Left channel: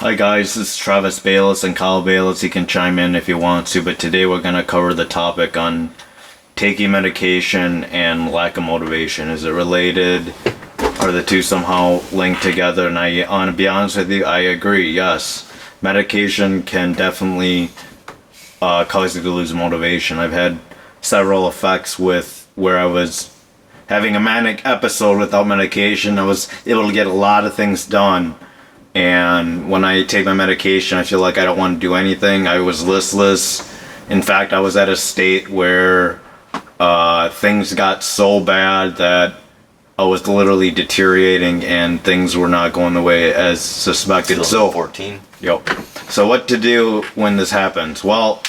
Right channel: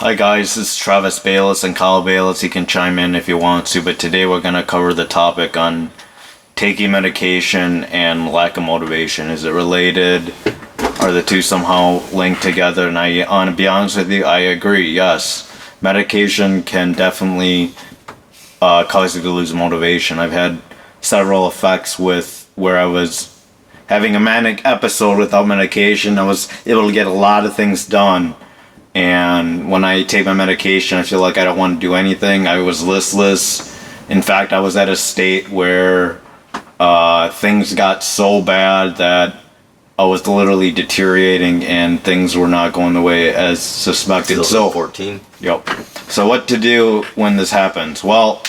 Hi guys, this is Travis Bayless and Kyle Bayless. You can chime in if you want to, but today we're going to cover the topic on taking medication and lack of motivation. Is it related? Are the two somehow linked together? And to be honest with you, I agree, yes. Medication can definitely cause you to lose motivation. I've had several effects with where I was having a manic episode without medication. I was able to get a lot of things done. And when I take my medication, I feel like I don't want to do anything. I was listless. In fact, I was at a state where things got so bad that I was literally deteriorating and things were not going the way as suspected. So 14. Yep. So what to do when this happens? Well,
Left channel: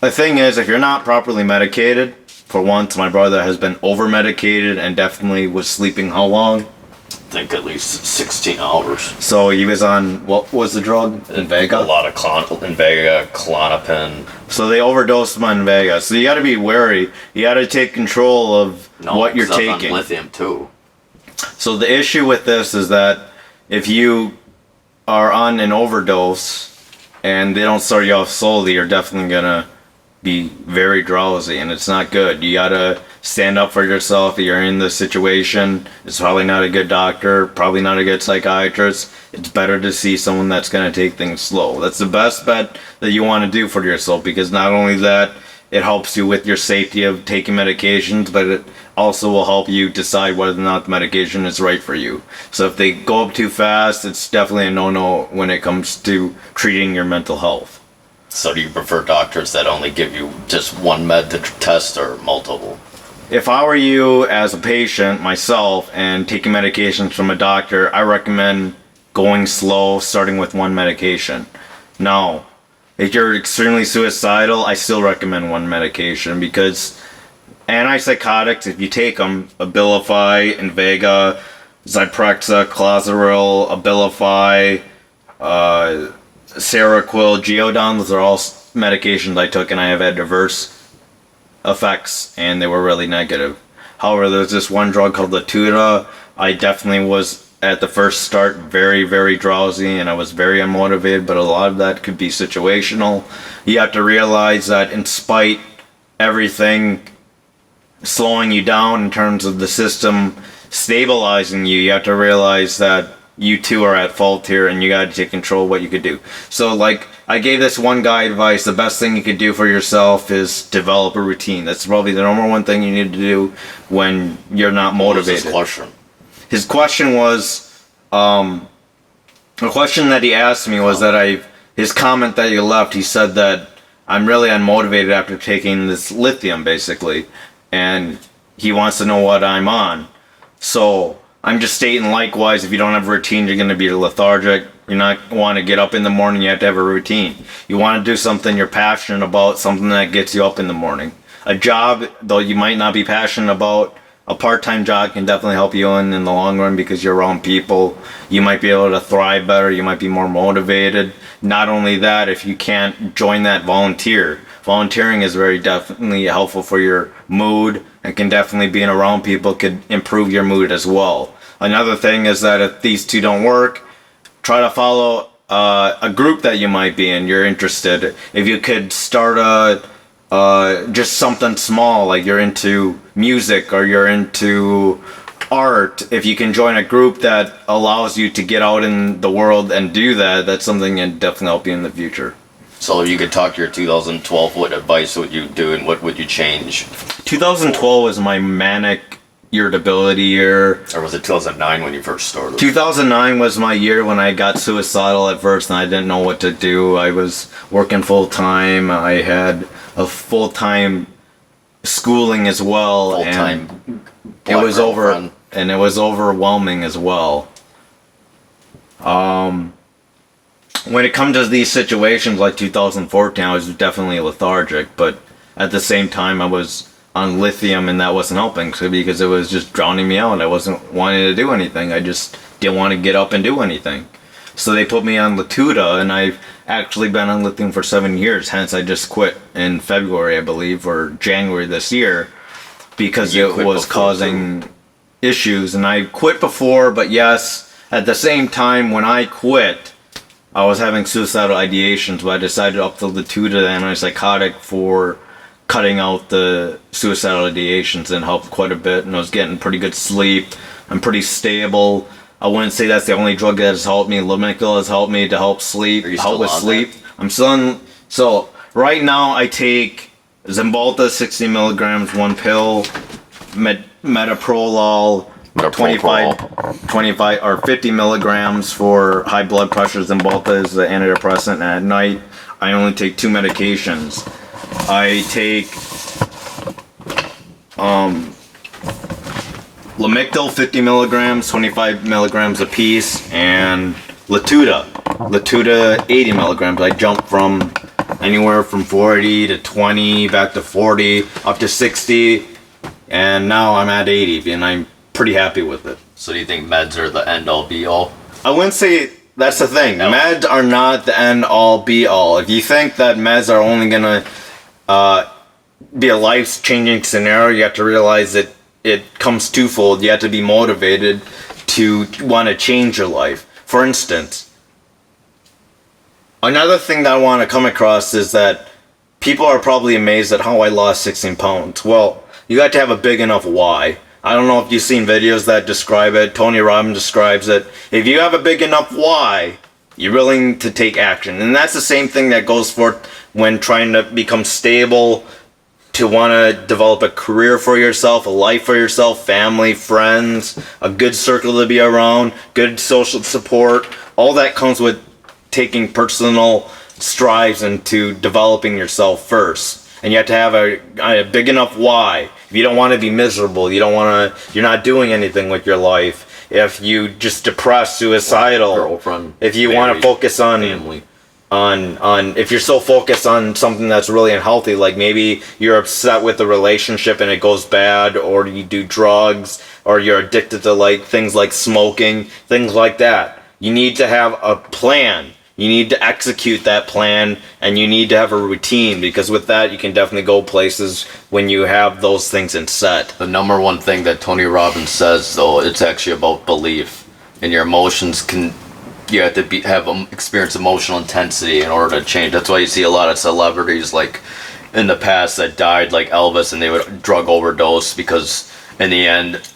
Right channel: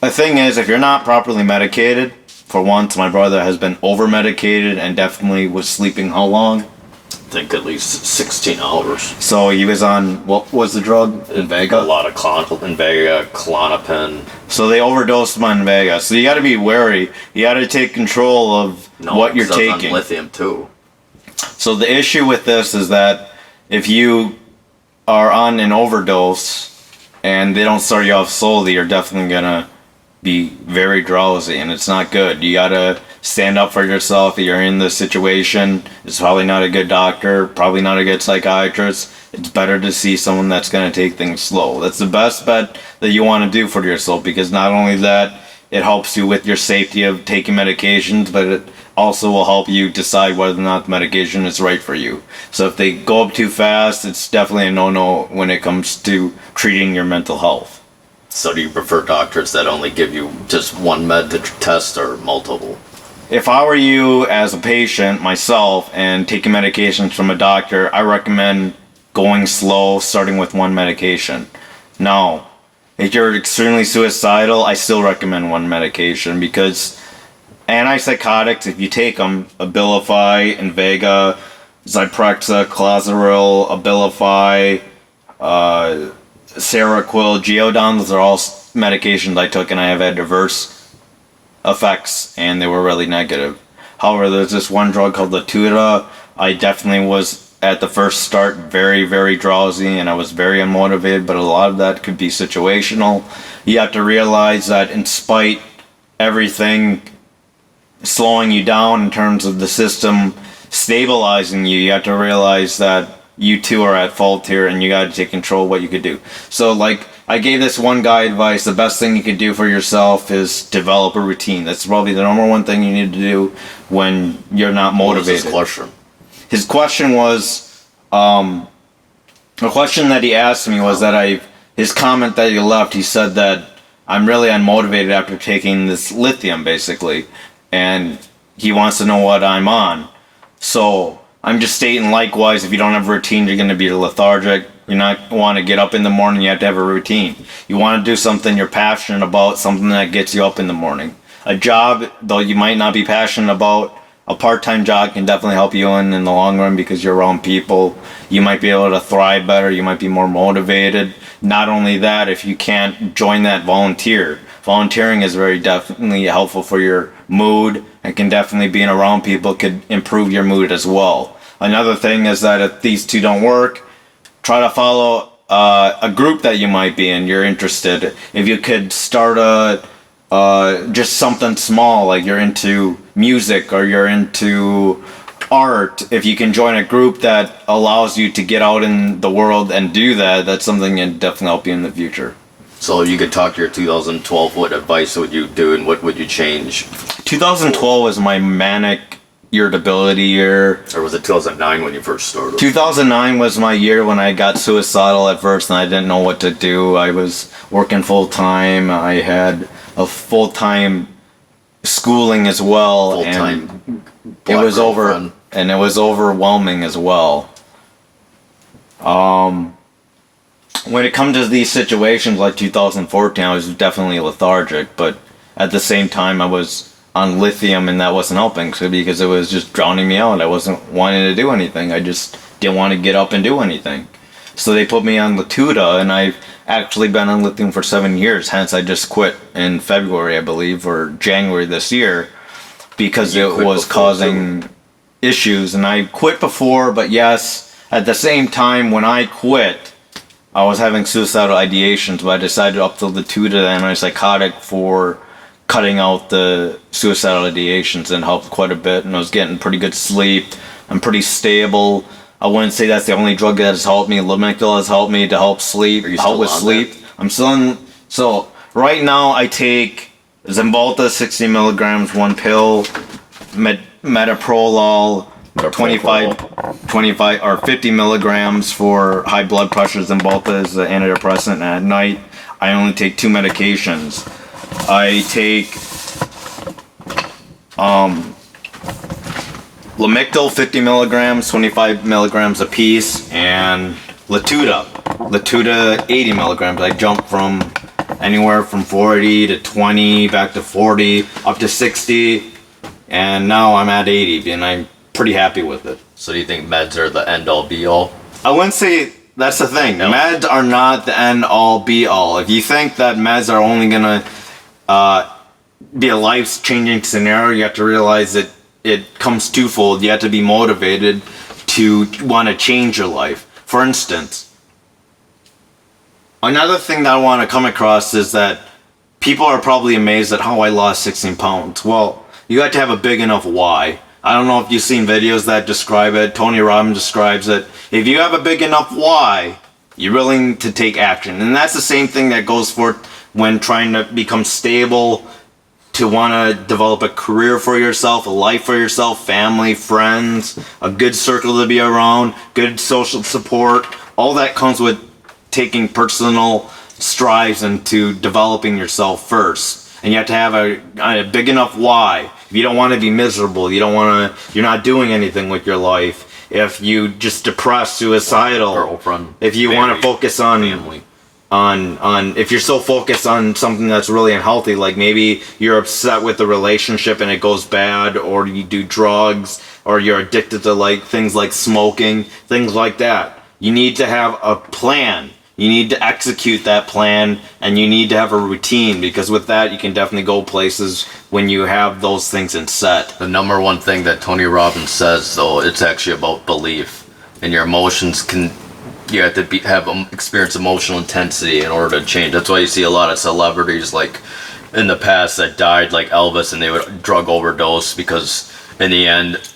the thing is, if you're not properly medicated, for once, my brother has been over-medicated and definitely was sleeping how long? I think at least 16 hours. So he was on, what was the drug? Invega? A lot of Invega, Klonopin. So they overdosed him on Invega. So you got to be wary. You got to take control of what you're taking. On lithium too. So the issue with this is that if you are on an overdose and they don't start you off slowly, you're definitely going to be very drowsy, and it's not good. You got to stand up for yourself. If you're in this situation, it's probably not a good doctor, probably not a good psychiatrist. It's better to see someone that's going to take things slow. That's the best bet that you want to do for yourself, because not only that, it helps you with your safety of taking medications, but it also will help you decide whether or not the medication is right for you. So if they go up too fast, it's definitely a no-no when it comes to treating your mental health. So do you prefer doctors that only give you just one med to test or multiple? If I were you as a patient, myself, and taking medications from a doctor, I recommend going slow, starting with one medication. Now, if you're extremely suicidal, I still recommend one medication, because antipsychotics, if you take them, Abilify, Invega, Zyprexa, Clozaril, Abilify, Seroquel, Geodon, those are all medications I took, and I have had diverse effects, and they were really negative. However, there's this one drug called Lithium. I definitely was, at the first start, very, very drowsy, and I was very unmotivated, but a lot of that could be situational. You have to realize that in spite everything slowing you down in terms of the system stabilizing you, you have to realize that you too are at fault here, and you got to take control of what you could do. So, like, I gave this one guy advice: the best thing you could do for yourself is develop a routine. That's probably the number one thing you need to do when you're not motivated. What was his question? His question was, the question that he asked me was his comment that he left, he said that I'm really unmotivated after taking this lithium, basically, and he wants to know what I'm on. So I'm just stating, likewise, if you don't have a routine, you're going to be lethargic. You're not want to get up in the morning. You have to have a routine. You want to do something you're passionate about, something that gets you up in the morning. A job, though you might not be passionate about, a part-time job can definitely help you in the long run, because you're around people. You might be able to thrive better. You might be more motivated. Not only that, if you can't join that, volunteer. Volunteering is very definitely helpful for your mood, and can definitely being around people could improve your mood as well. Another thing is that if these two don't work, try to follow a group that you might be in, you're interested. If you could start just something small, like you're into music or you're into art, if you can join a group that allows you to get out in the world and do that, that's something that can definitely help you in the future. So if you could talk to your 2012, what advice would you do and what would you change? 2012 was my manic irritability year. Or was it 2009 when you first started? 2009 was my year when I got suicidal at first, and I didn't know what to do. I was working full-time. I had a full-time schooling as well. Full-time. And it was and it was overwhelming as well. When it comes to these situations like 2014, I was definitely lethargic, but at the same time I was on lithium, and that wasn't helping, because it was just drowning me out. I wasn't wanting to do anything. I just didn't want to get up and do anything. So they put me on Latuda, and I've actually been on lithium for 7 years. Hence, I just quit in February, I believe, or January this year, because it was causing issues. And I quit before, but yes, at the same time, when I quit, I was having suicidal ideations, but I decided to up the Latuda antipsychotic for cutting out the suicidal ideations, and helped quite a bit, and I was getting pretty good sleep. I'm pretty stable. I wouldn't say that's the only drug that has helped me. Lamictal has helped me to help sleep, Are you help still with on sleep. that? I'm still on, so right now I take Zymbalta 60 milligrams, one pill, metoprolol, 25 or 50 milligrams for high blood pressure. Zymbalta is the antidepressant, and at night I only take 2 medications. I take Lamictal 50 milligrams, 25 milligrams a piece, and Latuda 80 milligrams. I jump from anywhere from 40 to 20, back to 40, up to 60, and now I'm at 80, and I'm pretty happy with it. So do you think meds are the end all be all? I wouldn't say that's the thing. No. Meds are not the end all be all. If you think that meds are only gonna be a life-changing scenario, you have to realize that it comes twofold. You have to be motivated to want to change your life. For instance, another thing that I want to come across is that people are probably amazed at how I lost 16 pounds. Well, you got to have a big enough why. I don't know if you've seen videos that describe it. Tony Robbins describes it. If you have a big enough why, you're willing to take action. And that's the same thing that goes for when trying to become stable, to want to develop a career for yourself, a life for yourself, family, friends, a good circle to be around, good social support. All that comes with taking personal strides into developing yourself first. And you have to have a big enough why. If you don't want to be miserable, you're not doing anything with your life. If you just depressed, suicidal, Girlfriend, if you want to focus on family. If you're so focused on something that's really unhealthy, like maybe you're upset with the relationship and it goes bad, or you do drugs, or you're addicted to like things like smoking, things like that. You need to have a plan. You need to execute that plan, and you need to have a routine, because with that you can definitely go places when you have those things in set. The number one thing that Tony Robbins says, though, it's actually about belief. And your emotions you have to experience emotional intensity in order to change. That's why you see a lot of celebrities like in the past that died, like Elvis, and they would drug overdose, because in the end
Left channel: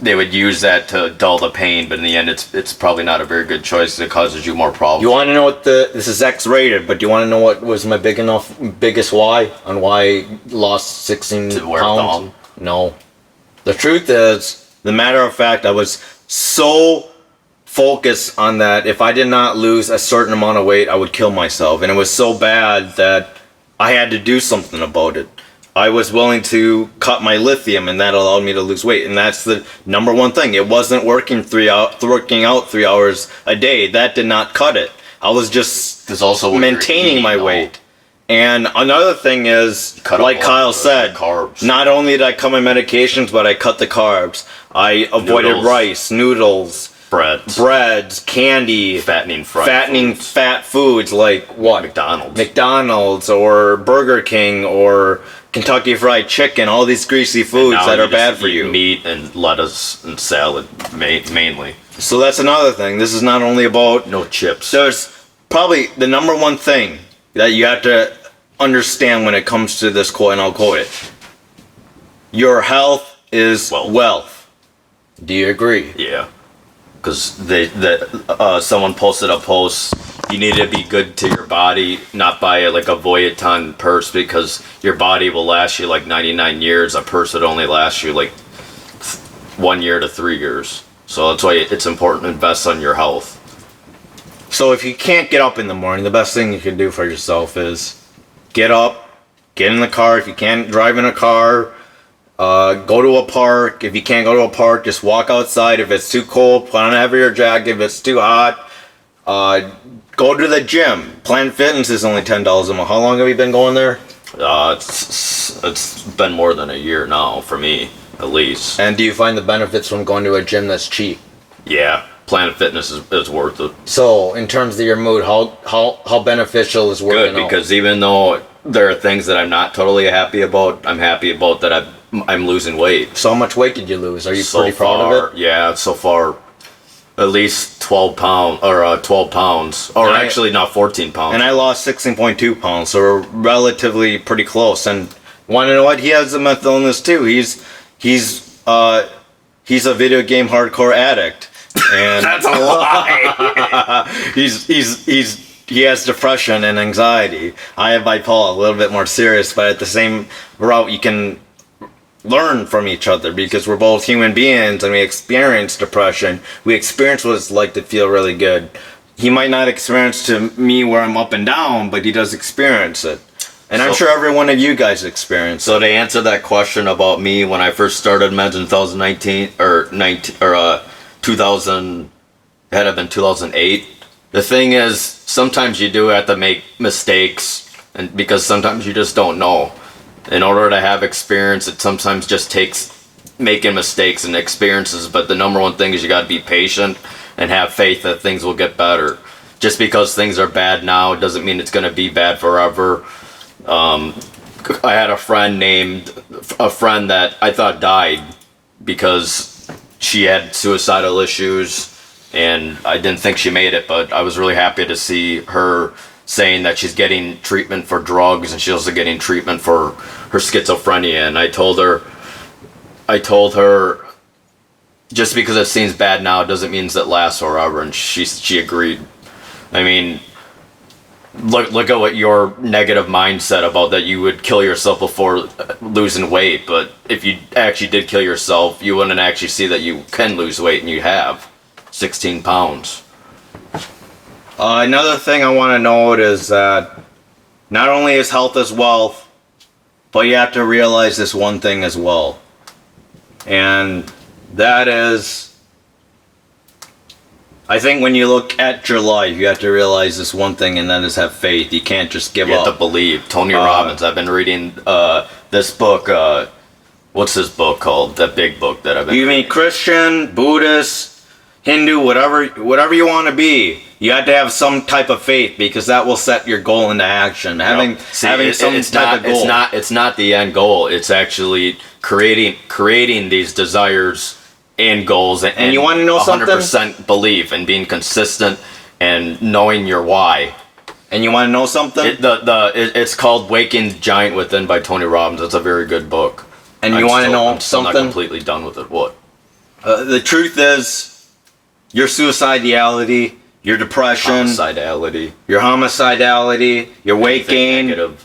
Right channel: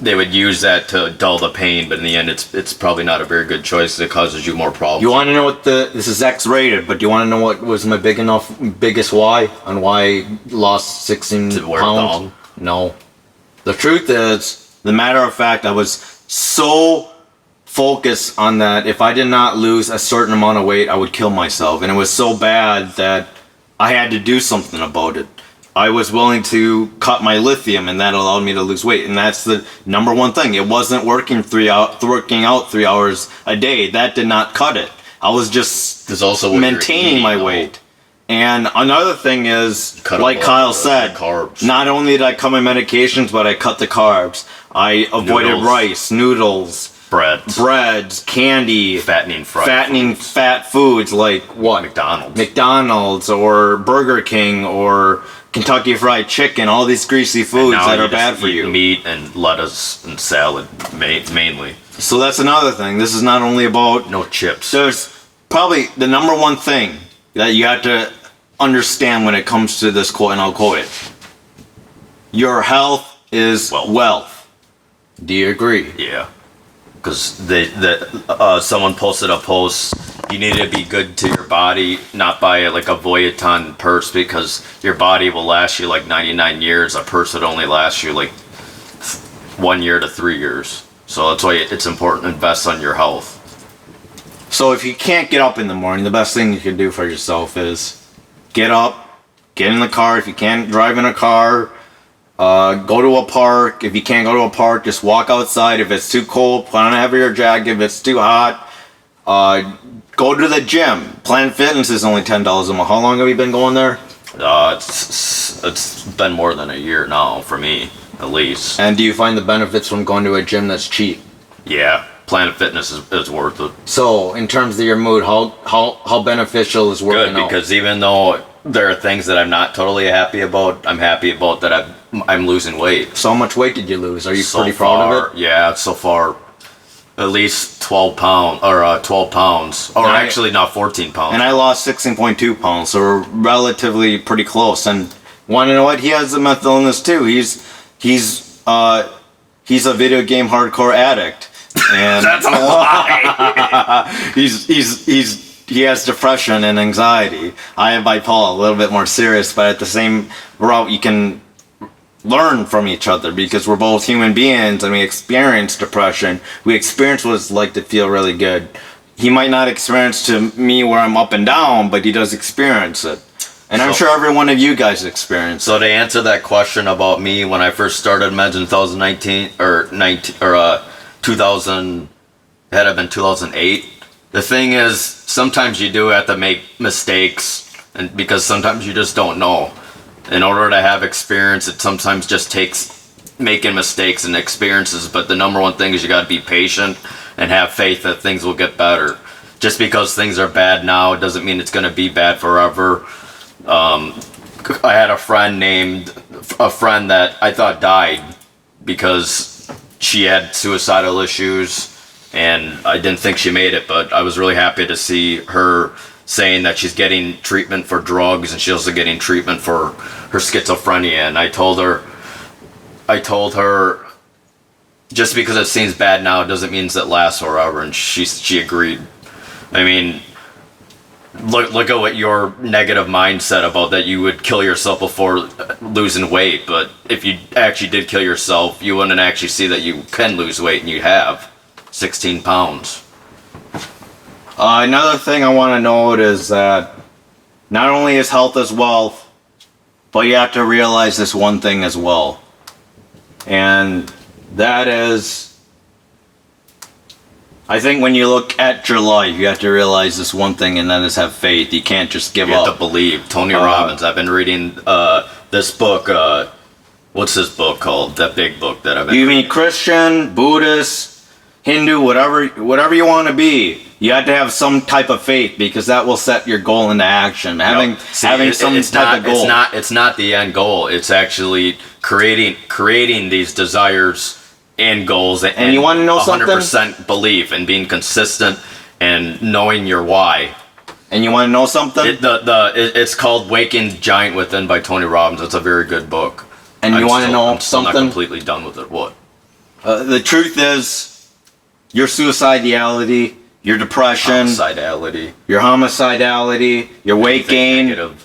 they would use that to dull the pain, but in the end it's probably not a very good choice. It causes you more problems. You want to know what this is X-rated, but do you want to know what was my biggest why on why I lost 16 To wear pounds? thong? No. The truth is, the matter of fact, I was so focused on that if I did not lose a certain amount of weight, I would kill myself. And it was so bad that I had to do something about it. I was willing to cut my lithium, and that allowed me to lose weight. And that's the number one thing. It wasn't working working out 3 hours a day. That did not cut it. I was just There's also what maintaining you're my eating, weight. And another thing is, Cut like up Kyle the said, carbs. not only did I cut my medications, but I cut the carbs. I avoided Noodles. rice, noodles, breads, candy, fattening fat foods like what? McDonald's or Burger King or Kentucky Fried Chicken, all these greasy foods that are bad for you. Meat and lettuce and salad mainly. So that's another thing. This is not only about No chips. There's probably the number one thing that you have to understand when it comes to this quote, and I'll quote it. Your health is wealth. Do you agree? Yeah. Because someone posted a post, you need to be good to your body, not buy like a Vuitton purse, because your body will last you like 99 years. A purse would only last you like 1 year to 3 years. So that's why it's important to invest on your health. So if you can't get up in the morning, the best thing you can do for yourself is get up, get in the car. If you can't drive in a car, go to a park. If you can't go to a park, just walk outside. If it's too cold, put on a heavier jacket. If it's too hot, go to the gym. Planet Fitness is only $10 a month. How long have you been going there? It's been more than a year now for me, at least. And do you find the benefits from going to a gym that's cheap? Yeah, Planet Fitness is worth it. So, in terms of your mood, how beneficial is working Good, out? because even though there are things that I'm not totally happy about, I'm happy about that I'm losing weight. So how much weight did you lose? Are you So pretty proud far, of it? Yeah, so far at least 12 pounds, or actually not 14 pounds. And I lost 16.2 pounds, so we're relatively pretty close. And want to know what? He has a mental illness too. He's a video game hardcore addict, and That's a lie. he has depression and anxiety. I have bipolar, a little bit more serious, but at the same route, you can learn from each other because we're both human beings and we experience depression. We experience what it's like to feel really good. He might not experience to me where I'm up and down, but he does experience it. And I'm sure every one of you guys experience it. So to answer that question about me when I first started meds in 2019 or 2000, had it been 2008. The thing is, sometimes you do have to make mistakes, and because sometimes you just don't know. In order to have experience, it sometimes just takes making mistakes and experiences, but the number one thing is you got to be patient and have faith that things will get better. Just because things are bad now doesn't mean it's going to be bad forever. I had a friend that I thought died because she had suicidal issues, and I didn't think she made it, but I was really happy to see her saying that she's getting treatment for drugs and she's also getting treatment for her schizophrenia. And I told her just because it seems bad now doesn't mean it lasts forever, and she agreed. I mean, look at what your negative mindset about that you would kill yourself before losing weight, but if you actually did kill yourself, you wouldn't actually see that you can lose weight, and you have 16 pounds. Another thing I want to note is that not only is health is wealth, but you have to realize this one thing as well. And that is, I think when you look at your life, you have to realize this one thing, and that is have faith. You can't just give up. You have to believe. Tony Robbins. I've been reading this book. What's this book called? That big book that I've been You reading. mean Christian, Buddhist, Hindu, whatever you want to be. You have to have some type of faith because that will set your goal into action. Having some type of goal. It's not the end goal. It's actually creating these desires and goals. And you want to know 100% belief and being consistent and knowing your why. And you want to know something? It's called Waking Giant Within by Tony Robbins. It's a very good book. And you want to know I'm still something? not completely done with it. What? The truth is, your suicidality, your depression, your homicidality, your weight gain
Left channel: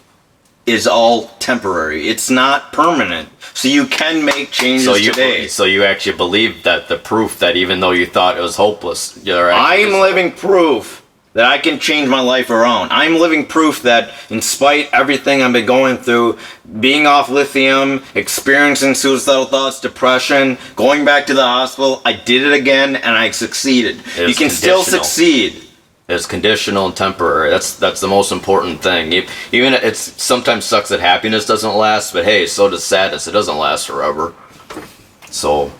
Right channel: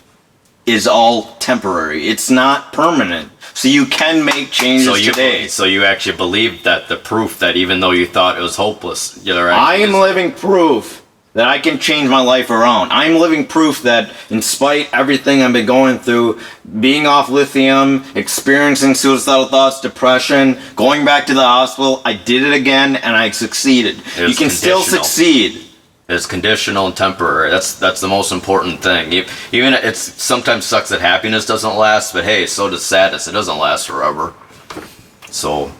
is all temporary. It's not permanent. So you can make changes today. So you actually believe that the proof that even though you thought it was hopeless, I am living proof that I can change my life around. I'm living proof that in spite everything I've been going through, being off lithium, experiencing suicidal thoughts, depression, going back to the hospital, I did it again and I succeeded. You can still succeed. It's conditional and temporary. That's the most important thing. Even it sometimes sucks that happiness doesn't last, but hey, so does sadness. It doesn't last forever. So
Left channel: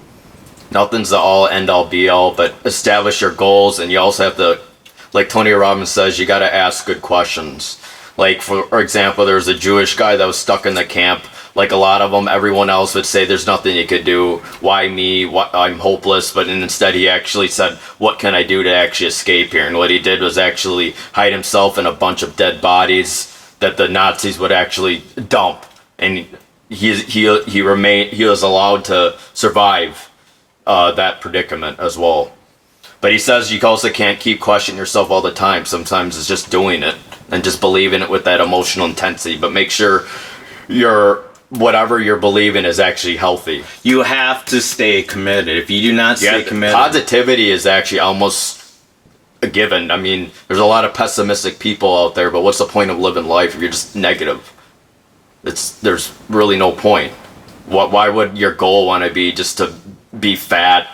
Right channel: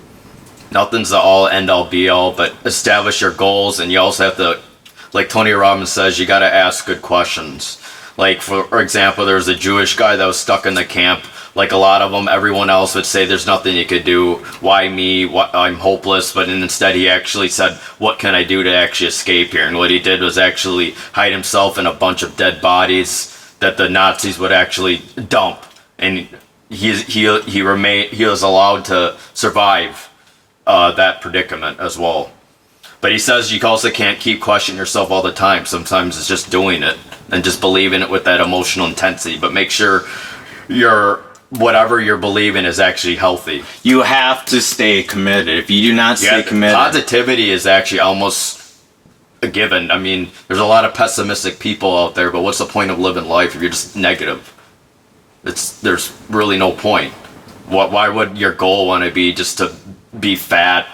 nothing's the all end all be all, but establish your goals, and you also have to, like Tony Robbins says, you got to ask good questions. Like, for example, there's a Jewish guy that was stuck in the camp. Like a lot of them, everyone else would say there's nothing you could do. Why me? I'm hopeless. But instead, he actually said, what can I do to actually escape here? And what he did was actually hide himself in a bunch of dead bodies that the Nazis would actually dump. And he was allowed to survive that predicament as well. But he says you also can't keep questioning yourself all the time. Sometimes it's just doing it and just believing it with that emotional intensity. But make sure whatever you're believing is actually healthy. You have to stay committed. If you do not stay committed... Positivity is actually almost a given. I mean, there's a lot of pessimistic people out there, but what's the point of living life if you're just negative? There's really no point. Why would your goal want to be just to be fat,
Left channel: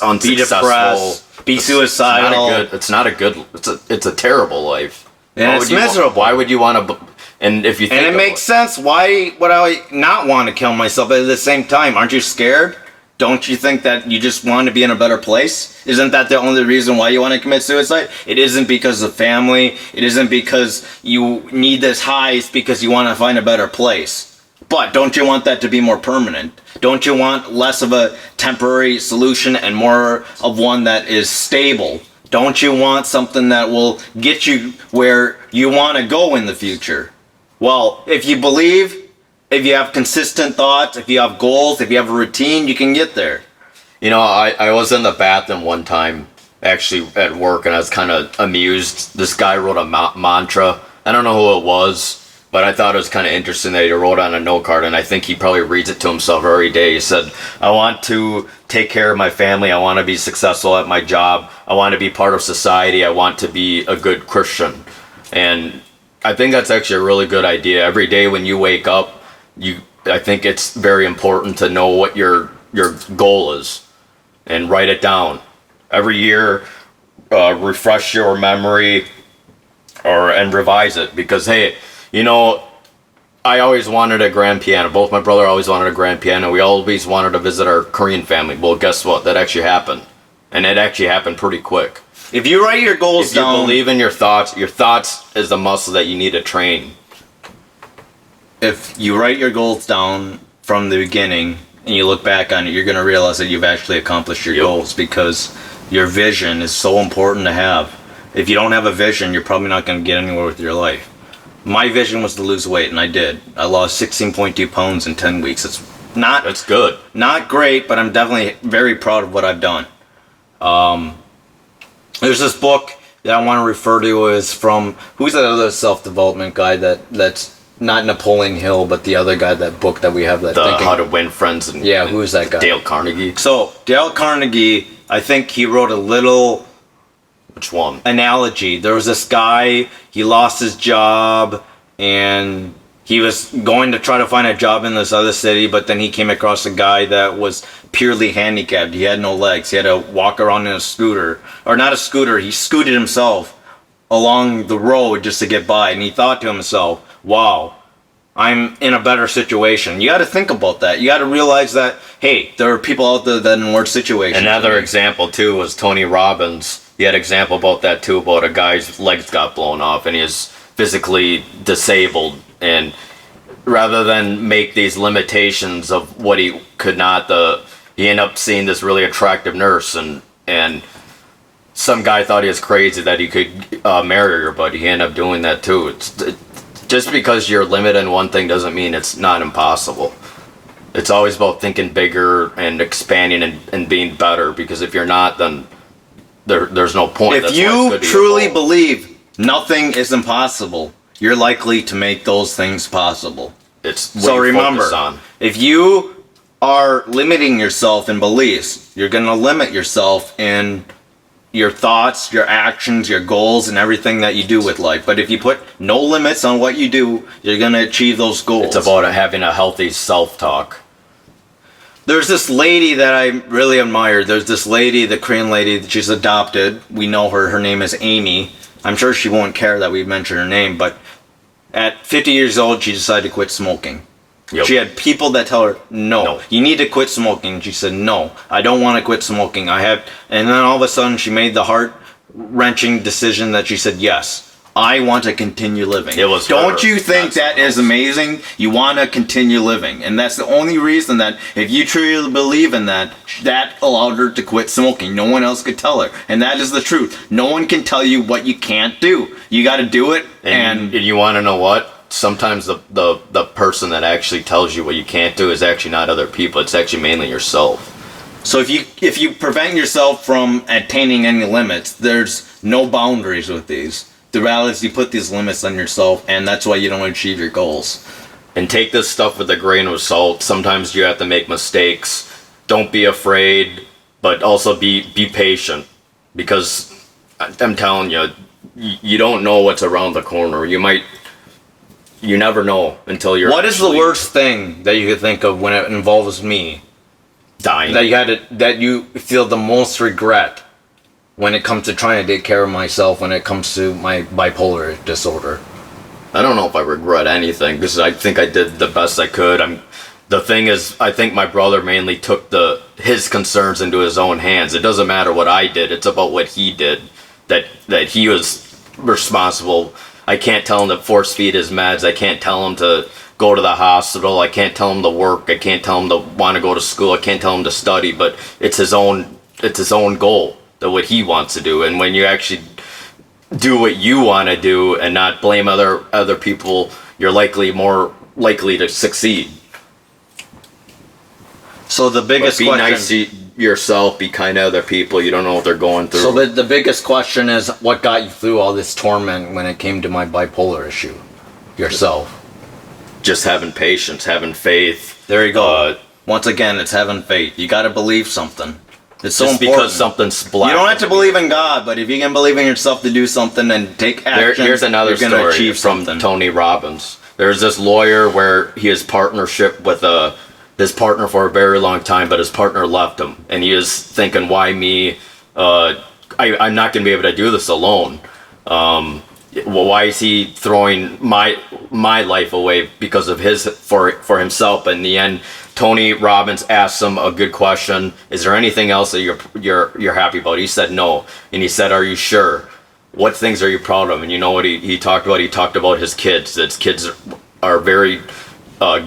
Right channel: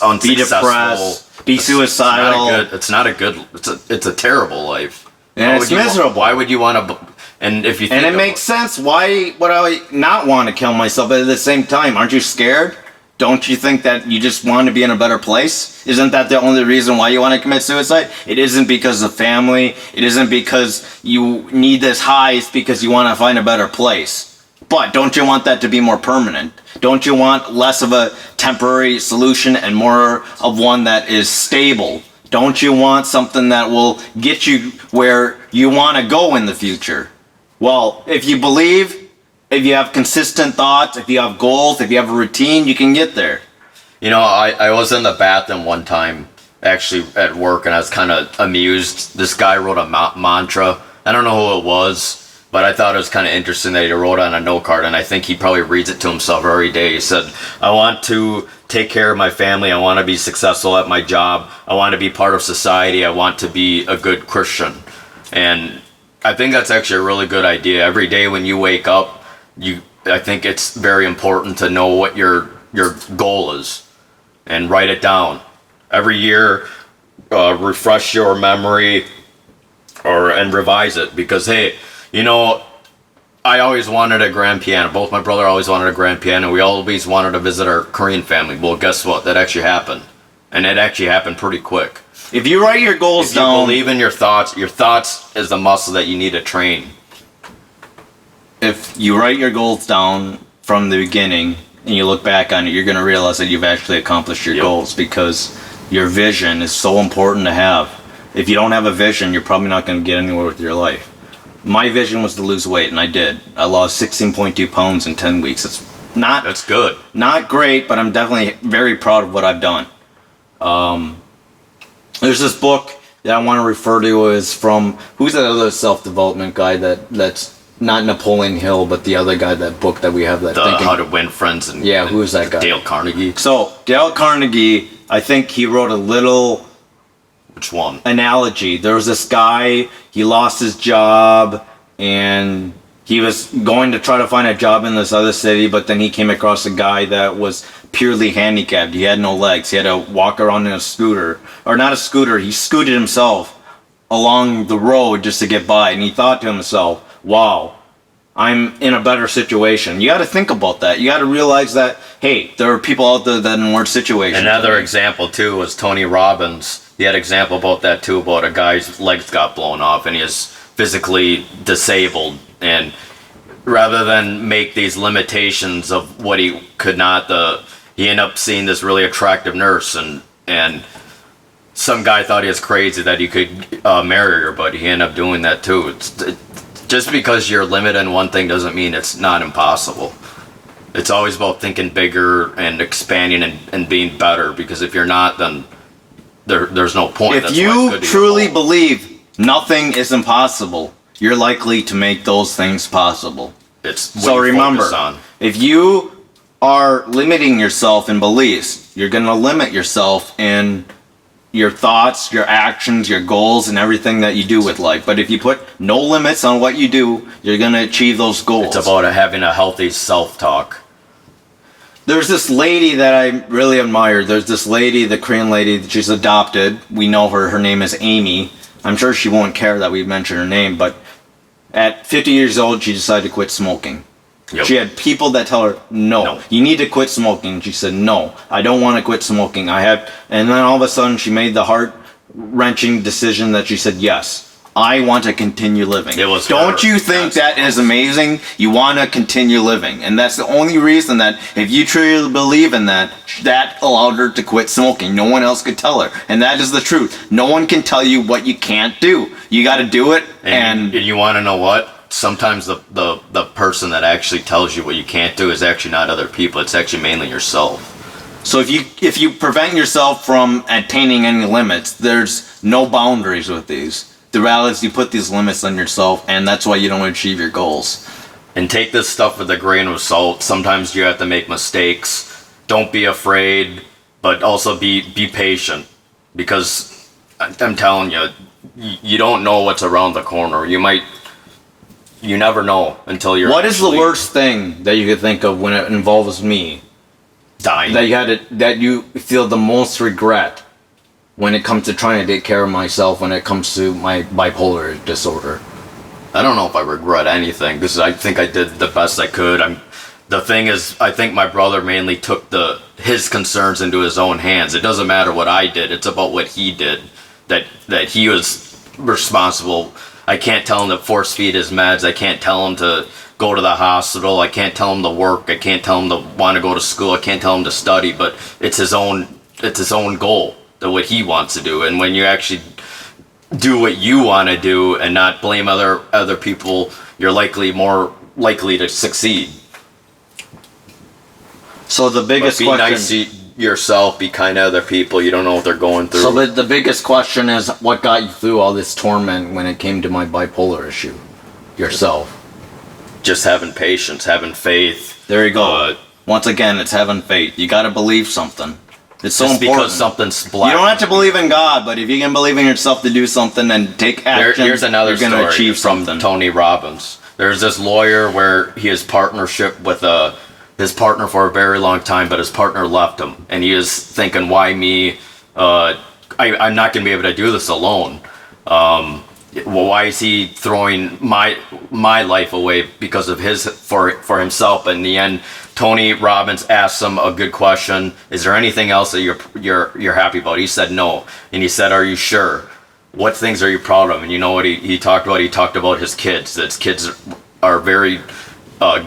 unsuccessful, be depressed, be suicidal? It's not a good. It's a terrible life. And it's miserable. Why would you want to? And if you think, and it makes sense. Why would I not want to kill myself? But at the same time, aren't you scared? Don't you think that you just want to be in a better place? Isn't that the only reason why you want to commit suicide? It isn't because of family. It isn't because you need this high. It's because you want to find a better place. But don't you want that to be more permanent? Don't you want less of a temporary solution and more of one that is stable? Don't you want something that will get you where you want to go in the future? Well, if you believe, if you have consistent thoughts, if you have goals, if you have a routine, you can get there. You know, I was in the bathroom one time, actually at work, and I was kind of amused. This guy wrote a mantra. I don't know who it was, but I thought it was kind of interesting that he wrote on a note card, and I think he probably reads it to himself every day. He said, I want to take care of my family. I want to be successful at my job. I want to be part of society. I want to be a good Christian. And I think that's actually a really good idea. Every day when you wake up, I think it's very important to know what your goal is and write it down. Every year, refresh your memory and revise it, because, hey, you know, I always wanted a grand piano. Both my brother always wanted a grand piano. We always wanted to visit our Korean family. Well, guess what? That actually happened. And it actually happened pretty quick. If you write your goals down... If you believe in your thoughts is the muscle that you need to train. If you write your goals down from the beginning and you look back on it, you're going to realize that you've actually accomplished your goals, because your vision is so important to have. If you don't have a vision, you're probably not going to get anywhere with your life. My vision was to lose weight, and I did. I lost 16.2 pounds in 10 weeks. That's good. Not great, but I'm definitely very proud of what I've done. There's this book that I want to refer to as from, who's that other self-development guy that's not Napoleon Hill, but the other guy, that book that we have, that How to Win Friends. And yeah, who is that guy? Dale Carnegie. So Dale Carnegie, I think he wrote a little... Which one? Analogy. There was this guy, he lost his job, and he was going to try to find a job in this other city, but then he came across a guy that was purely handicapped. He had no legs. He had to walk around in a scooter. Or not a scooter, he scooted himself along the road just to get by, and he thought to himself, wow, I'm in a better situation. You got to think about that. You got to realize that, hey, there are people out there that are in worse situations. Another example, too, was Tony Robbins. He had an example about that, too, about a guy's legs got blown off and he is physically disabled. And rather than make these limitations of what he could not, he ended up seeing this really attractive nurse, and some guy thought he was crazy that he could marry her, but he ended up doing that, too. Just because you're limited in one thing doesn't mean it's not impossible. It's always about thinking bigger and expanding and being better, because if you're not, then there's no point. If you truly believe nothing is impossible, you're likely to make those things possible. It's what so you remember, focus on. If you are limiting yourself in beliefs, you're going to limit yourself in your thoughts, your actions, your goals, and everything that you do with life. But if you put no limits on what you do, you're going to achieve those goals. It's about having a healthy self-talk. There's this lady that I really admire. There's this lady, the Korean lady, that she's adopted. We know her. Her name is Amy. I'm sure she won't care that we mention her name, but at 50 years old, she decided to quit smoking. Yep. She had people that tell her, no, you need to quit smoking. She said, no, I don't want to quit smoking. And then all of a sudden, she made the heart-wrenching decision that she said, yes, I want to continue living. Don't you think that is amazing? You want to continue living. And that's the only reason that if you truly believe in that allowed her to quit smoking. No one else could tell her. And that is the truth. No one can tell you what you can't do. You got to do it. And you want to know what? Sometimes the person that actually tells you what you can't do is actually not other people. It's actually mainly yourself. So if you prevent yourself from attaining any limits, there's no boundaries with these. The reality is you put these limits on yourself, and that's why you don't achieve your goals. And take this stuff with a grain of salt. Sometimes you have to make mistakes. Don't be afraid, but also be patient. Because I'm telling you, you don't know what's around the corner. You never know until you're... What is the worst thing that you could think of when it involves me? Dying. That you feel the most regret when it comes to trying to take care of myself, when it comes to my bipolar disorder? I don't know if I regret anything, because I think I did the best I could. The thing is, I think my brother mainly took his concerns into his own hands. It doesn't matter what I did. It's about what he did. That he was responsible. I can't tell him to force feed his meds. I can't tell him to go to the hospital. I can't tell him to work. I can't tell him to want to go to school. I can't tell him to study. But it's his own goal, that what he wants to do. And when you actually do what you want to do and not blame other people, you're more likely to succeed. So the biggest Be question, nice to yourself, be kind to other people. You don't know what they're going through. So the biggest question is, what got you through all this torment when it came to my bipolar issue? Yourself. Just having patience, having faith. there you go. Once again, it's having faith. You got to believe something. It's so Just important. because something's black. You don't have to believe in God, but if you can believe in yourself to do something and take action, Here's another you're going to story achieve from something. Tony Robbins. There's this lawyer where he has partnership with his partner for a very long time, but his partner left him, and he is thinking, "Why me? I'm not going to be able to do this alone. Well, why is he throwing my life away because of for himself?" But in the end, Tony Robbins asked him a good question: "Is there anything else that you're happy about?" He said no, and he said, "Are you sure? What things are you proud of?" And you know what he talked about? He talked about his kids. That his kids are very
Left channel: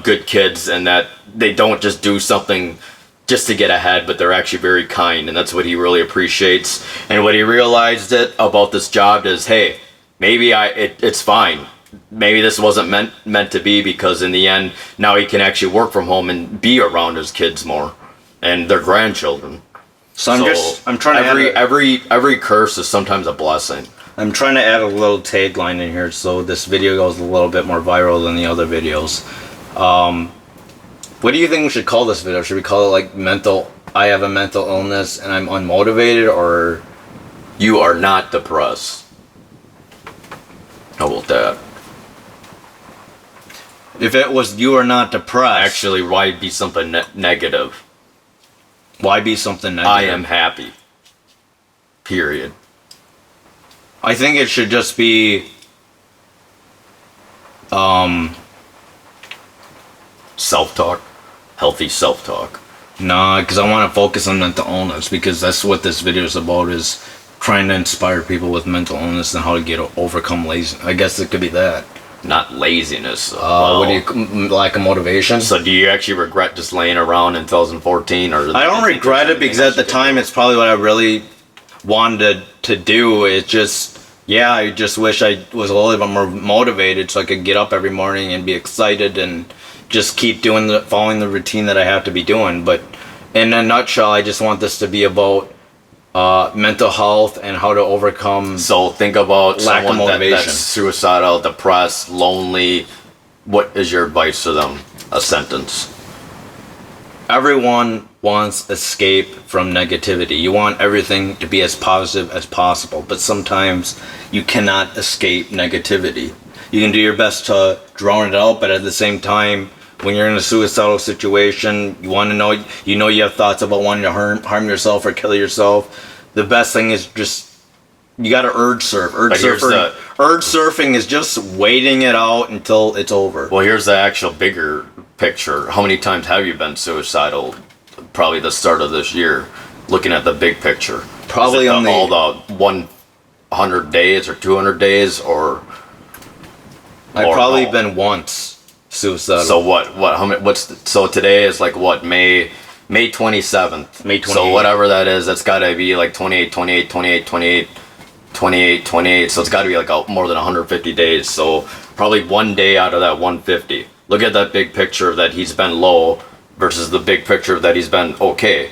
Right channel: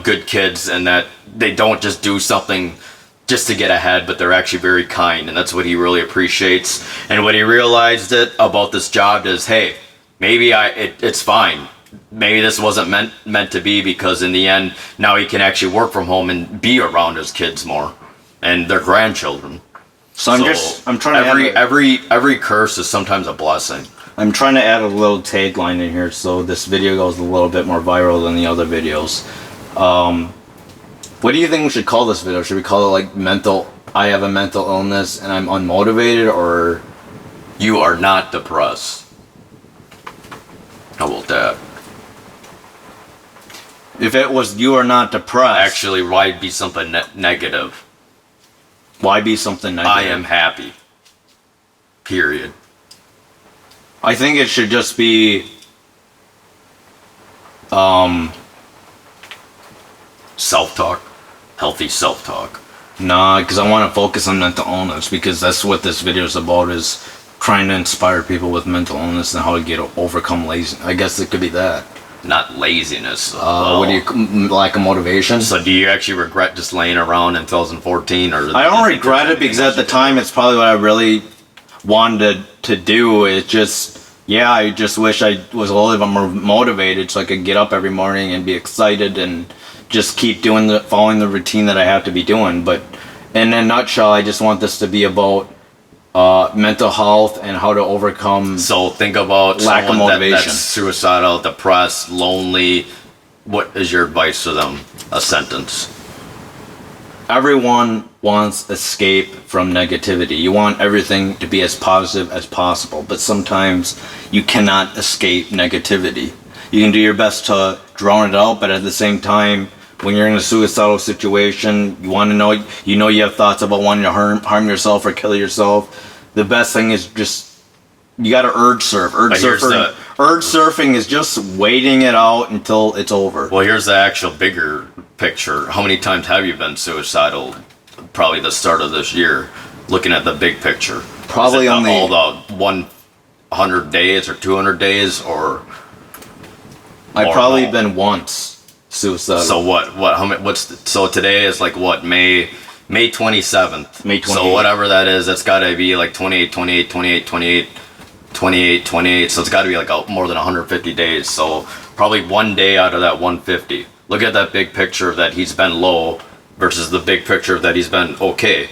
good kids, and that they don't just do something just to get ahead, but they're actually very kind, and that's what he really appreciates. And what he realized about this job is, hey, maybe it's fine. Maybe this wasn't meant to be, because in the end, now he can actually work from home and be around his kids more and their grandchildren. So I'm trying to every curse is sometimes a blessing. I'm trying to add a little tagline in here so this video goes a little bit more viral than the other videos. What do you think we should call this video? Should we call it like I have a mental illness and I'm unmotivated, or You are not depressed. How about that? if it was you are not depressed, Actually, why be something negative? why be something negative? I am happy. Period. I think it should just be Self-talk. Healthy self-talk. nah, because I want to focus on mental illness, because that's what this video is about, is trying to inspire people with mental illness and how to overcome laziness. I guess it could be that. Not laziness. What do you, lack of motivation? So do you actually regret just laying around in 2014? Or I don't regret it, because at the time it's probably what I really wanted to do. It just, yeah, I just wish I was a little bit more motivated so I could get up every morning and be excited and just keep following the routine that I have to be doing. But in a nutshell, I just want this to be about mental health and how to overcome. So think about Lack of someone motivation. that's suicidal, depressed, lonely. What is your advice to them? A sentence. Everyone wants escape from negativity. You want everything to be as positive as possible, but sometimes you cannot escape negativity. You can do your best to drown it out, but at the same time, when you're in a suicidal situation, you want to know, you have thoughts about wanting to harm yourself or kill yourself. The best thing is just, you got to urge surf. Urge surfing is just waiting it out until it's over. Well, here's the actual bigger picture. How many times have you been suicidal? Probably the start of this year. Looking at the big picture. Probably Is it on the- all the 100 days or 200 days, or I've probably no? been once suicidal. So what? How many? So today is like what? May 27th. May 28th. So whatever that is, that's got to be like 28. So it's got to be like more than 150 days. So probably one day out of that 150. Look at that big picture that he's been low versus the big picture that he's been okay.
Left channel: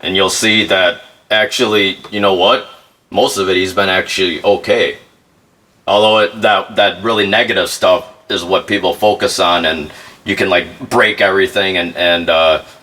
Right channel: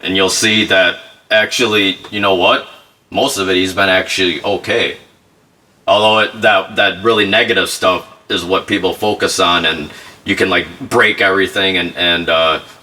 And you'll see that actually, you know what? Most of it he's been actually okay. Although that really negative stuff is what people focus on, and you can like break everything and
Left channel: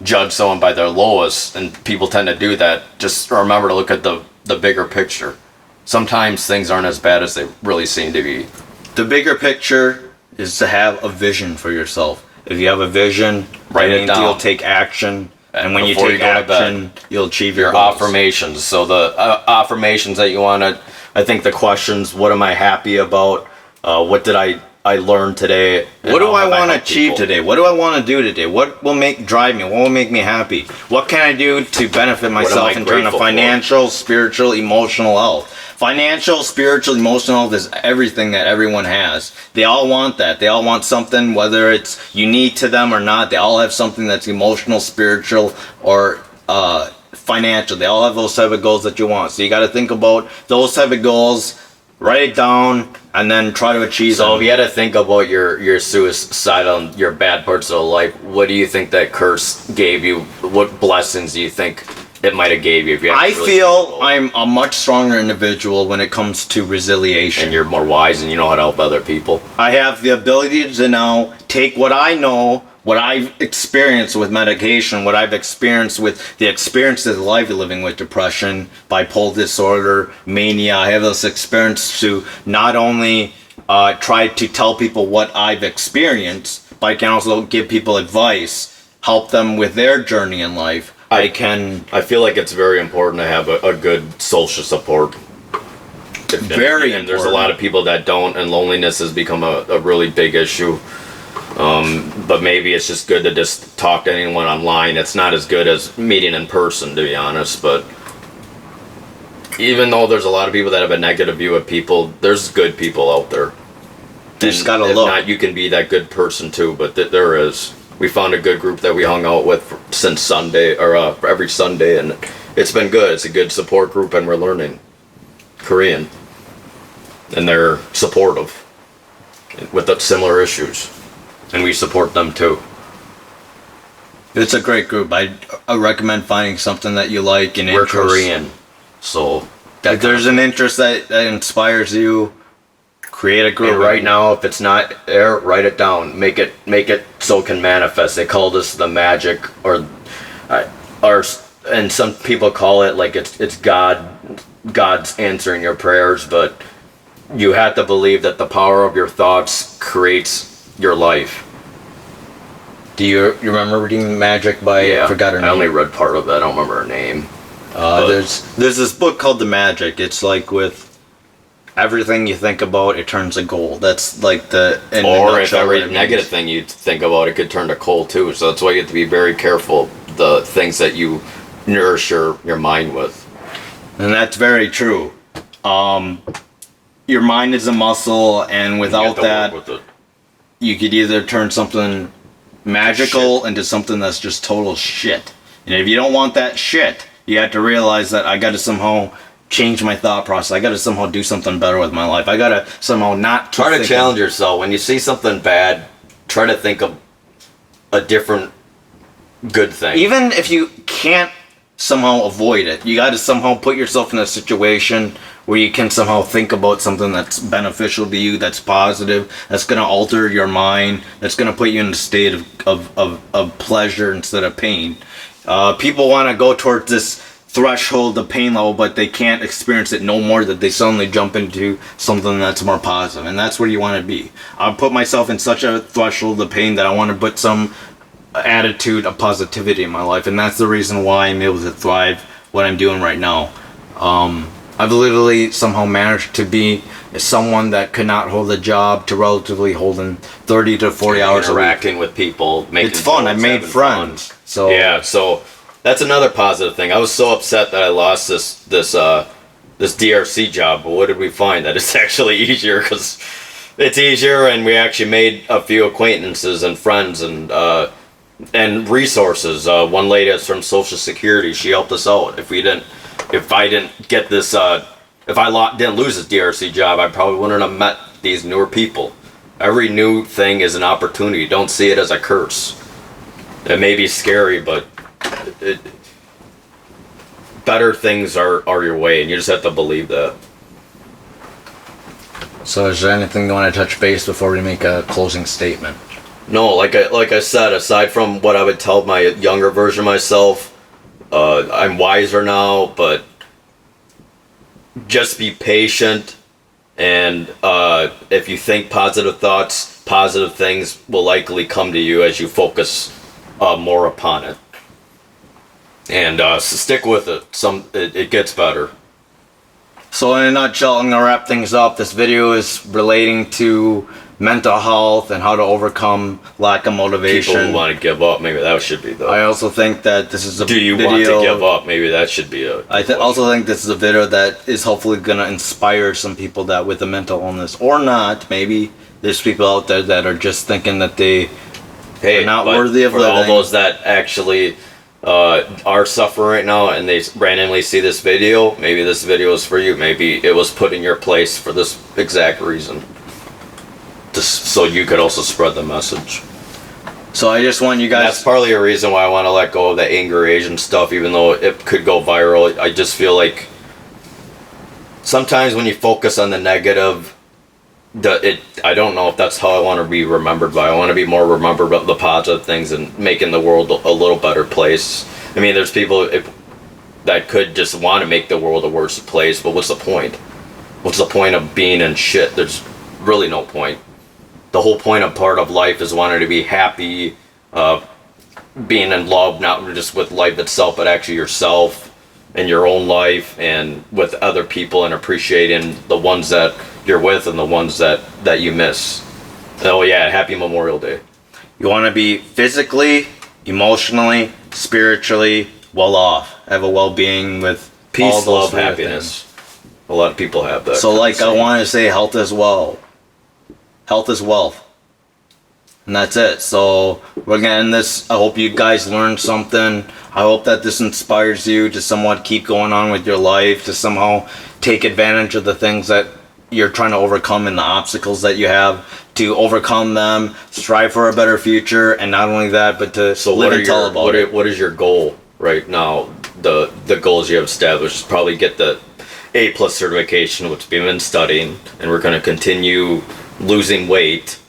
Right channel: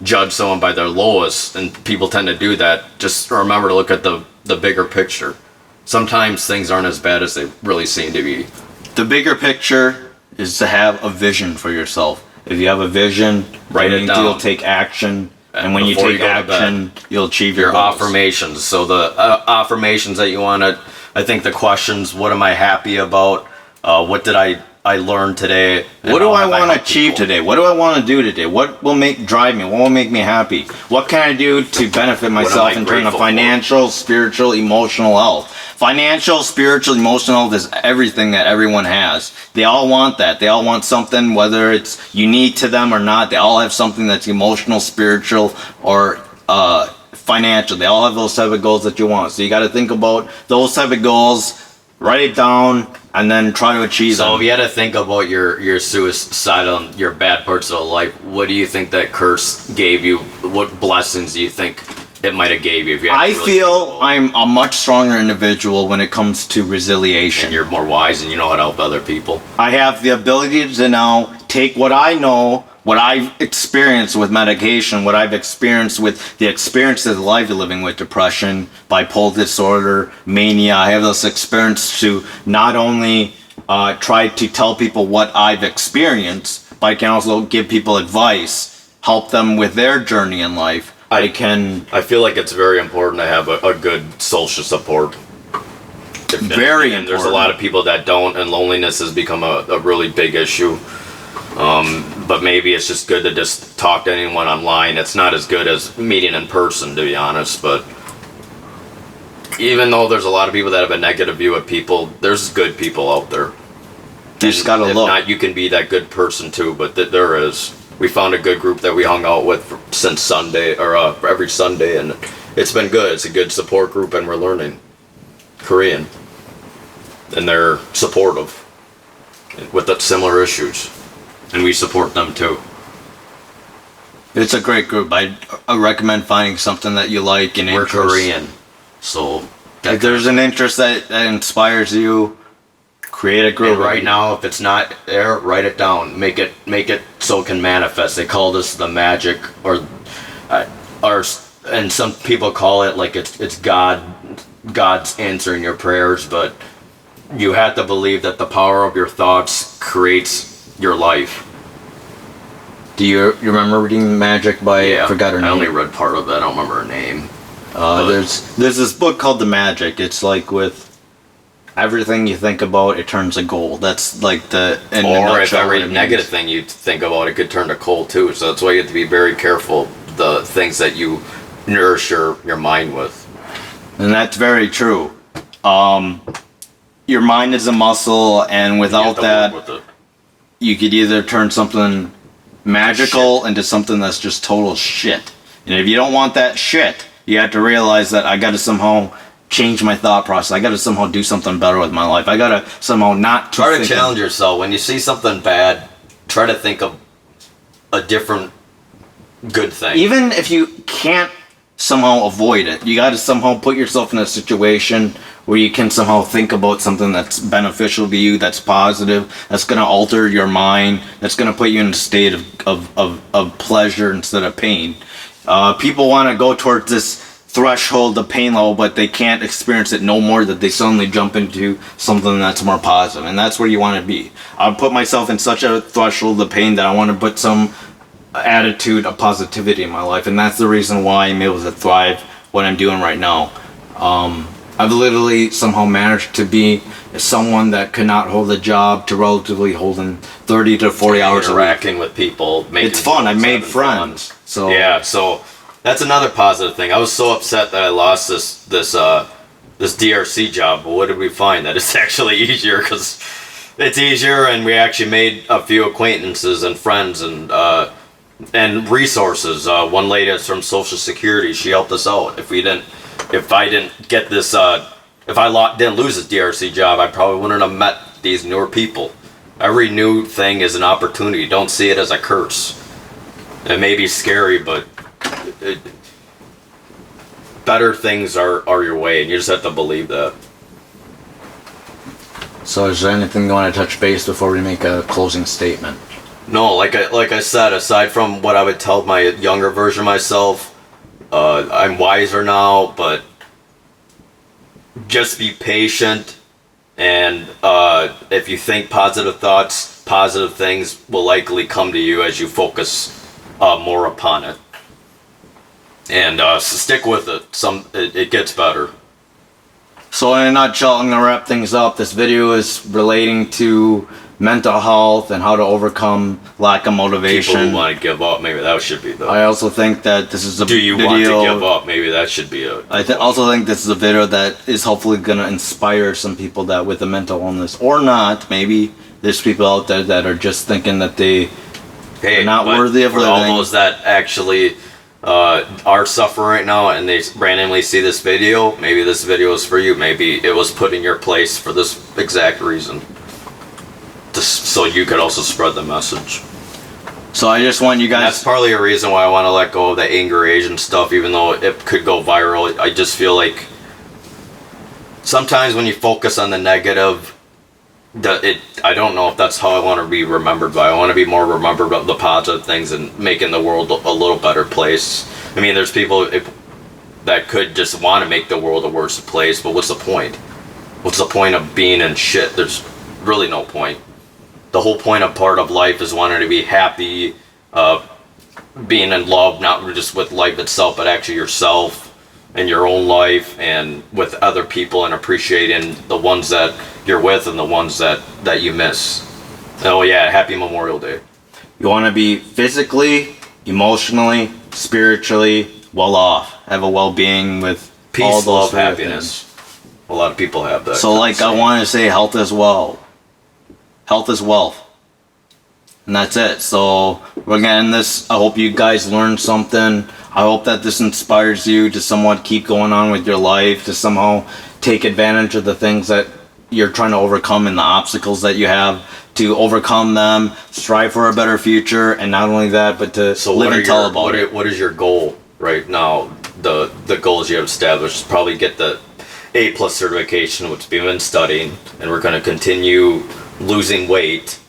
judge someone by their lowest, and people tend to do that. Just remember to look at the bigger picture. Sometimes things aren't as bad as they really seem to be. The bigger picture is to have a vision for yourself. If you have a vision, Write it down. you'll take action. And when you Before take you go to action, you'll achieve your Your goals. affirmations. So the affirmations that you want to, I think the questions: what am I happy about? What did I I learned today? And What do how I have want to helped achieve people? today? What do I want to do today? What will drive me? What will make me happy? What can I do to benefit myself in terms of grateful for? financial, spiritual, emotional health? Financial, spiritual, emotional health is everything that everyone has. They all want that. They all want something, whether it's unique to them or not. They all have something that's emotional, spiritual, or financial. They all have those type of goals that you want. So you got to think about those type of goals, write it down, and then try to achieve So them. if you had to think about your suicidal, your bad parts of life, what do you think that curse gave you? What blessings do you think it might have gave you? If you had to I really feel think about I'm a much stronger individual when it comes to it? resiliation. And you're more wise and you know how to help other people. I have the ability to now take what I know, what I've experienced with medication, what I've experienced with the experiences of life living with depression, bipolar disorder, mania. I have those experiences to not only try to tell people what I've experienced, but I can also give people advice, help them with their journey in life. I feel like it's very important to have a good social support. Very and there's a important. lot of people that don't, and loneliness has become a really big issue. But maybe it's just good to just talk to anyone online. It's not as good as meeting in person, to be honest. But even though there's a lot of people that have a negative view of people, there's good people out there. You just gotta if look. not, you can be that good person too. But there is. We found a good group that we hung out with since Sunday, or every Sunday, and it's been good. It's a good support group, and we're learning Korean, and they're supportive with the similar issues, and we support them too. It's a great group. I recommend finding something that you like and We're interest. Korean, so If there's an interest that inspires you, create a group. and right now, if it's not there, write it down. Make it so it can manifest. They call this the magic, and some people call it like it's God's answering your prayers, but you have to believe that the power of your thoughts creates your life. Do you remember reading Magic by I forgot her name? I only read part of it. I don't remember her name. There's this book called The Magic. It's like with everything you think about, it turns to gold. That's like Or if every what it negative means. thing you think about, it could turn to coal too. So that's why you have to be very careful the things that you nourish your mind with. And that's very true. Your mind is a muscle, and You have without to that, work with it. you could either turn something magical into something that's just total shit. And if you don't want that shit, you have to realize that I got to somehow change my thought process. I got to somehow do something better with my life. I got to somehow not keep Try to thinking- challenge yourself. When you see something bad, try to think of a different good thing. Even if you can't somehow avoid it, you got to somehow put yourself in a situation where you can somehow think about something that's beneficial to you, that's positive, that's going to alter your mind, that's going to put you in a state of pleasure instead of pain. People want to go towards this threshold of pain level, but they can't experience it no more, that they suddenly jump into something that's more positive, and that's where you want to be. I put myself in such a threshold of pain that I want to put some attitude of positivity in my life, and that's the reason why I'm able to thrive what I'm doing right now. I've literally somehow managed to be someone that could not hold a job to relatively holding 30 to 40 hours a week. Interacting with people, making It's fun. I jokes, made having fun. friends. So Yeah, so that's another positive thing. I was so upset that I lost this DRC job, but what did we find? That it's actually easier because it's easier, and we actually made a few acquaintances and friends and resources. One lady is from Social Security. She helped us out. If I didn't get this, if I didn't lose this DRC job, I probably wouldn't have met these newer people. Every new thing is an opportunity. Don't see it as a curse. It may be scary, but better things are your way, and you just have to believe that. So is there anything you want to touch base before we make a closing statement? No, like I said, aside from what I would tell my younger version of myself, I'm wiser now, but just be patient, and if you think positive thoughts, positive things will likely come to you as you focus more upon it. And stick with it. It gets better. So in a nutshell, I'm going to wrap things up. This video is relating to mental health and how to overcome lack of People motivation. who want to give up, maybe that should be the. I also think that this is a Do you video. want to give up? Maybe that should be a. Also think this is a video that is hopefully going to inspire some people that with a mental illness or not. Maybe there's people out there that are just thinking that they Hey, are not but worthy of for all living. those that actually are suffering right now and they randomly see this video, maybe this video is for you. Maybe it was put in your place for this exact reason. Just so you could also spread the message. So I just want you And guys. that's partly a reason why I want to let go of the anger Asian stuff, even though it could go viral. I just feel like sometimes when you focus on the negative, I don't know if that's how I want to be remembered by. I want to be more remembered of the positive things and making the world a little better place. I mean, there's people that could just want to make the world a worse place, but what's the point? What's the point of being in shit? There's really no point. The whole point of part of life is wanting to be happy, being in love, not just with life itself, but actually yourself and your own life and with other people, and appreciating the ones that you're with and the ones that you miss. Oh yeah, happy Memorial Day. You want to be physically, emotionally, spiritually well off. Have a well-being with all Peace, those love, sort of happiness. A lot of people have that. So like I want to say health is well. Health is wealth. And that's it. So we're gonna end this. I hope you guys learned something. I hope that this inspires you to somewhat keep going on with your life, to somehow take advantage of the things that you're trying to overcome and the obstacles that you have, to overcome them, strive for a better future, and not only that, but to live and tell about it. What is your goal right now? The goals you have established, probably get the A+ certification, which we've been studying, and we're going to continue losing weight.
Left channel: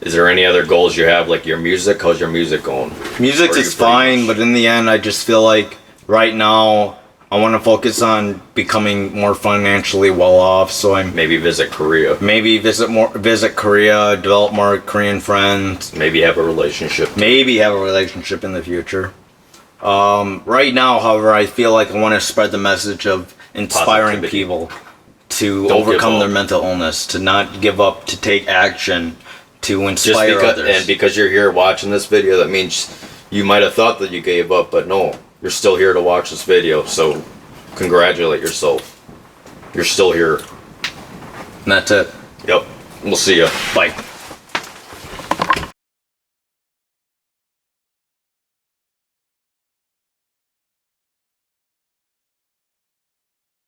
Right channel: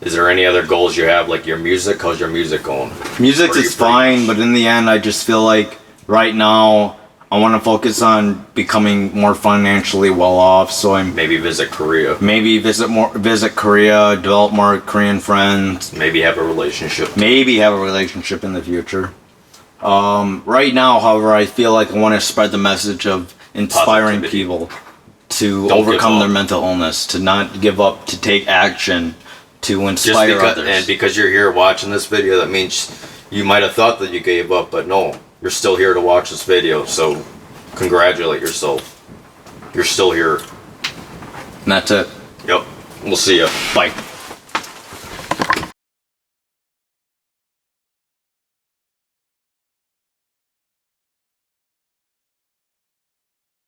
Is there any other goals you have, like your music? How's your music going? Music Or you is fine, but in the end, I just feel like right now I want to focus on becoming more financially well off. So I'm Maybe visit Korea. maybe visit Korea, develop more Korean friends, Maybe have a relationship. maybe have a relationship in the future. Right now, however, I feel like I want to spread the message of inspiring Positivity. people to Don't give overcome up. their mental illness, to not give up, to take action, to Just inspire because, others. and because you're here watching this video, that means you might have thought that you gave up, but no, you're still here to watch this video. So congratulate yourself. You're still here. And that's it. Yep. We'll see ya. Bye.